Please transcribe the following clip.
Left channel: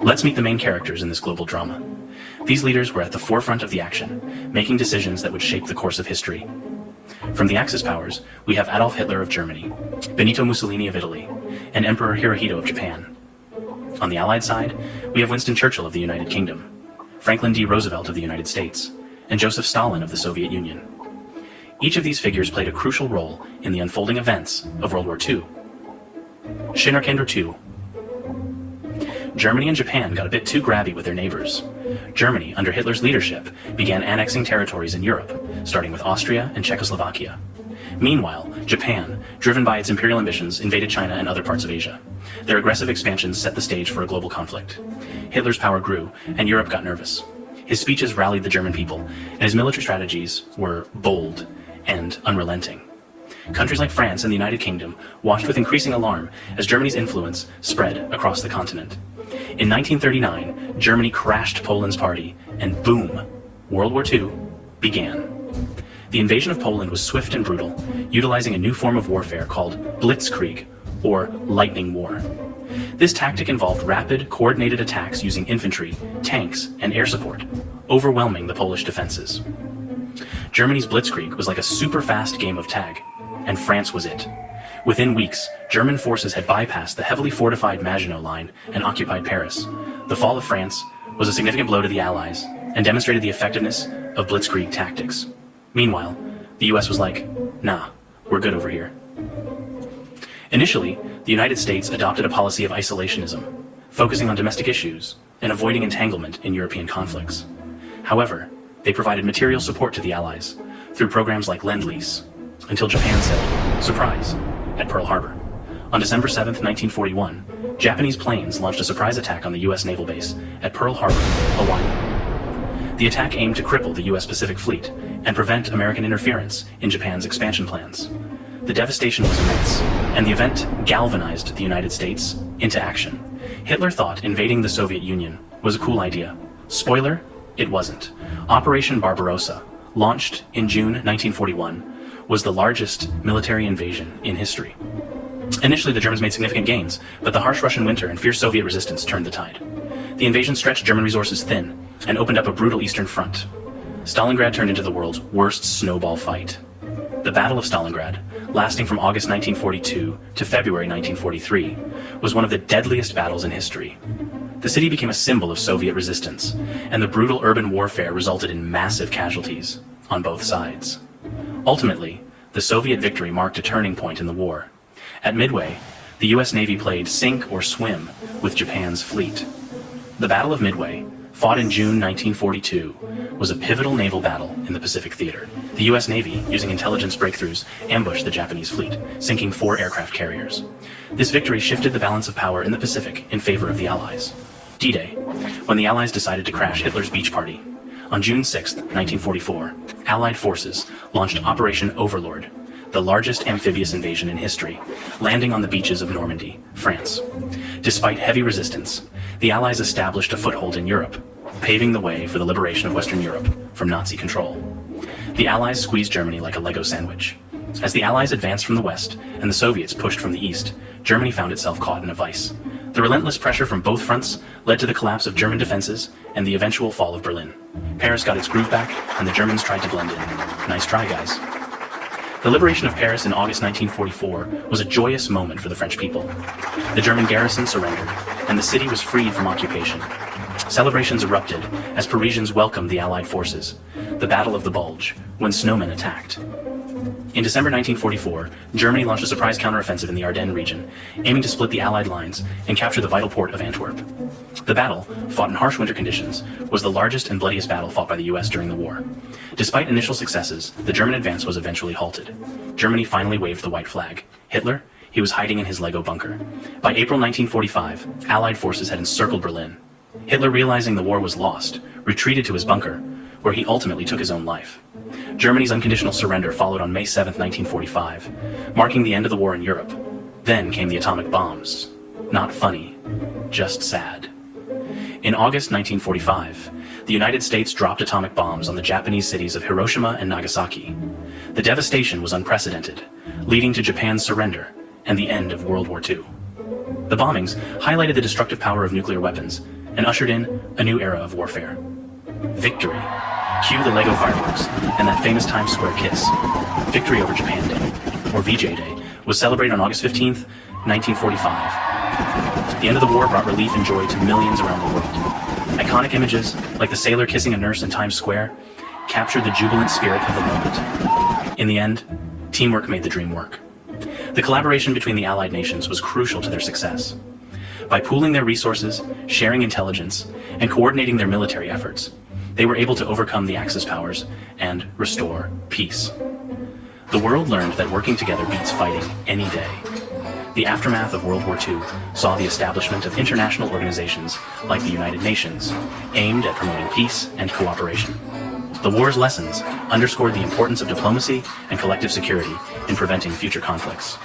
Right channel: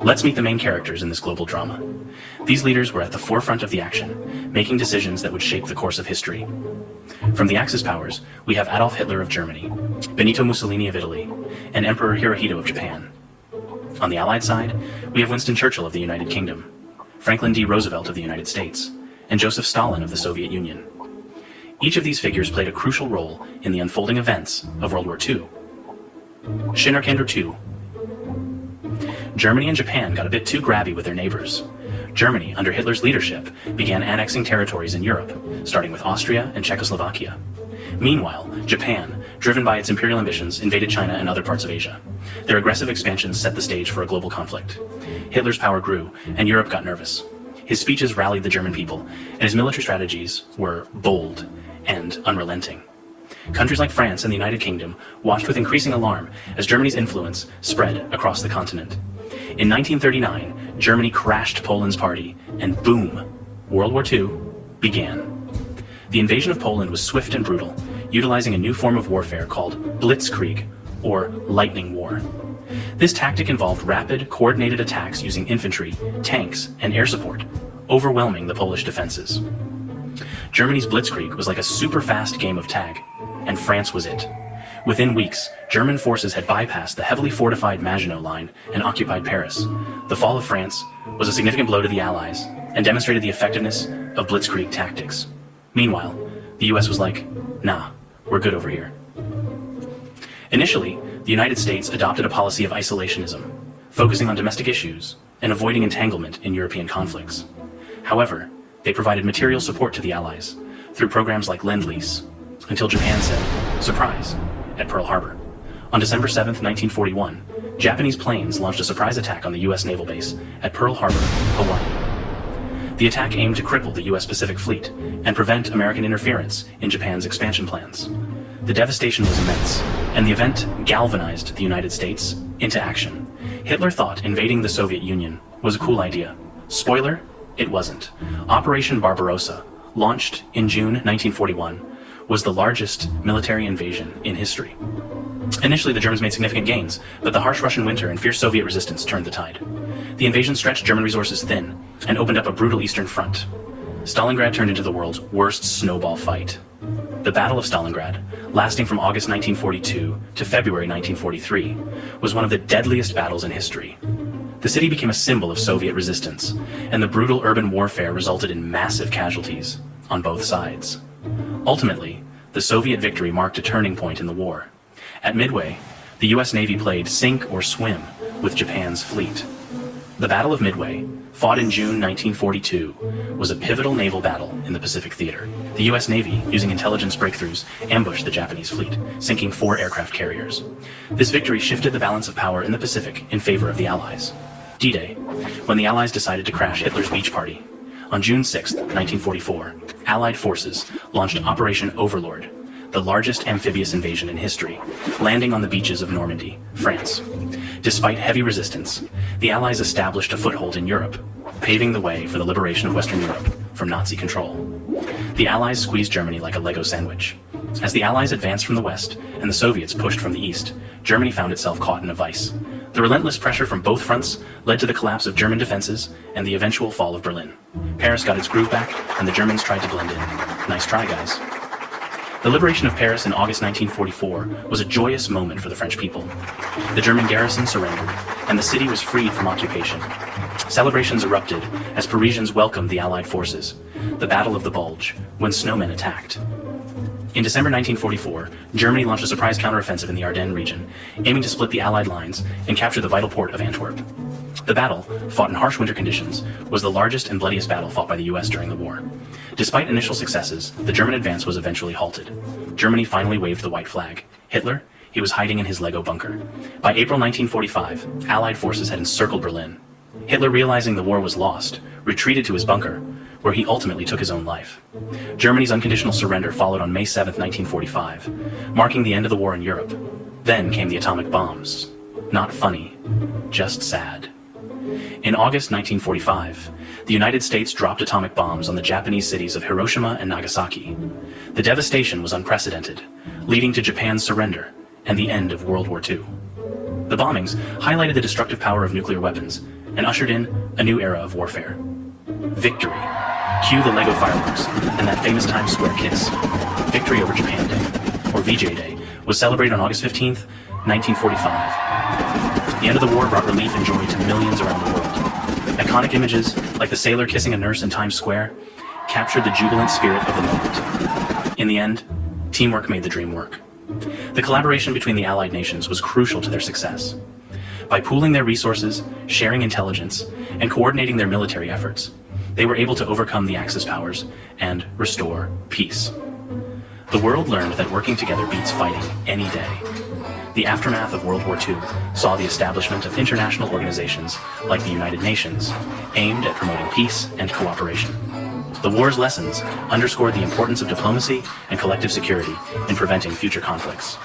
Let's meet the main characters in this global drama. These leaders were at the forefront of the action, making decisions that would shape the course of history. From the Axis powers, we have Adolf Hitler of Germany, Benito Mussolini of Italy, and Emperor Hirohito of Japan. On the Allied side, we have Winston Churchill of the United Kingdom, Franklin D. Roosevelt of the United States, and Joseph Stalin of the Soviet Union. Each of these figures played a crucial role in the unfolding events of World War II. Schinnerkinder II. Germany and Japan got a bit too grabby with their neighbors. Germany, under Hitler's leadership, began annexing territories in Europe, starting with Austria and Czechoslovakia. Meanwhile, Japan, driven by its imperial ambitions, invaded China and other parts of Asia. Their aggressive expansions set the stage for a global conflict. Hitler's power grew, and Europe got nervous. His speeches rallied the German people, and his military strategies were bold and unrelenting. Countries like France and the United Kingdom watched with increasing alarm as Germany's influence spread across the continent. In 1939, Germany crashed Poland's party, and boom, World War II began. The invasion of Poland was swift and brutal, utilizing a new form of warfare called blitzkrieg, or lightning war. This tactic involved rapid, coordinated attacks using infantry, tanks, and air support, overwhelming the Polish defenses. Germany's blitzkrieg was like a super-fast game of tag, and France was it. Within weeks, German forces had bypassed the heavily fortified Maginot Line and occupied Paris. The fall of France was a significant blow to the Allies and demonstrated the effectiveness of blitzkrieg tactics. Meanwhile, the US was like, nah, we're good over here. Initially, the United States adopted a policy of isolationism, focusing on domestic issues and avoiding entanglement in European conflicts. However, they provided material support to the Allies through programs like Lend-Lease, until Japan said, surprise, at Pearl Harbor. On December 7, 1941, Japanese planes launched a surprise attack on the US naval base at Pearl Harbor, Hawaii. The attack aimed to cripple the US Pacific Fleet and prevent American interference in Japan's expansion plans. The devastation was immense, and the event galvanized the United States into action. Hitler thought invading the Soviet Union was a cool idea. Spoiler, it wasn't. Operation Barbarossa, launched in June 1941, was the largest military invasion in history. Initially, the Germans made significant gains, but the harsh Russian winter and fierce Soviet resistance turned the tide. The invasion stretched German resources thin and opened up a brutal eastern front. Stalingrad turned into the world's worst snowball fight. The Battle of Stalingrad, lasting from August 1942 to February 1943, was one of the deadliest battles in history. The city became a symbol of Soviet resistance, and the brutal urban warfare resulted in massive casualties on both sides. Ultimately, the Soviet victory marked a turning point in the war. At Midway, the US Navy played sink or swim with Japan's fleet. The Battle of Midway, fought in June 1942, was a pivotal naval battle in the Pacific Theater. The US Navy, using intelligence breakthroughs, ambushed the Japanese fleet, sinking 4 aircraft carriers. This victory shifted the balance of power in the Pacific in favor of the Allies. D-Day, when the Allies decided to crash Hitler's beach party. On June 6, 1944, Allied forces launched Operation Overlord, the largest amphibious invasion in history, landing on the beaches of Normandy, France. Despite heavy resistance, the Allies established a foothold in Europe, paving the way for the liberation of Western Europe from Nazi control. The Allies squeezed Germany like a Lego sandwich. As the Allies advanced from the west and the Soviets pushed from the east, Germany found itself caught in a vice. The relentless pressure from both fronts led to the collapse of German defenses and the eventual fall of Berlin. Paris got its groove back, and the Germans tried to blend in. Nice try, guys. The liberation of Paris in August 1944 was a joyous moment for the French people. The German garrison surrendered, and the city was freed from occupation. Celebrations erupted as Parisians welcomed the Allied forces, the Battle of the Bulge, when snowmen attacked. In December 1944, Germany launched a surprise counteroffensive in the Ardennes region, aiming to split the Allied lines and capture the vital port of Antwerp. The battle, fought in harsh winter conditions, was the largest and bloodiest battle fought by the US during the war. Despite initial successes, the German advance was eventually halted. Germany finally waved the white flag. Hitler, he was hiding in his Lego bunker. By April 1945, Allied forces had encircled Berlin. Hitler, realizing the war was lost, retreated to his bunker, where he ultimately took his own life. Germany's unconditional surrender followed on May 7, 1945, marking the end of the war in Europe. Then came the atomic bombs. Not funny, just sad. In August 1945, the United States dropped atomic bombs on the Japanese cities of Hiroshima and Nagasaki. The devastation was unprecedented, leading to Japan's surrender and the end of World War II. The bombings highlighted the destructive power of nuclear weapons and ushered in a new era of warfare. Victory. Cue the Lego fireworks and that famous Times Square kiss. Victory over Japan Day, or VJ Day, was celebrated on August 15th, 1945. The end of the war brought relief and joy to millions around the world. Iconic images, like the sailor kissing a nurse in Times Square, captured the jubilant spirit of the moment. In the end, teamwork made the dream work. The collaboration between the Allied nations was crucial to their success. By pooling their resources, sharing intelligence, and coordinating their military efforts, they were able to overcome the Axis powers and restore peace. The world learned that working together beats fighting any day. The aftermath of World War II saw the establishment of international organizations like the United Nations, aimed at promoting peace and cooperation. The war's lessons underscored the importance of diplomacy and collective security in preventing future conflicts.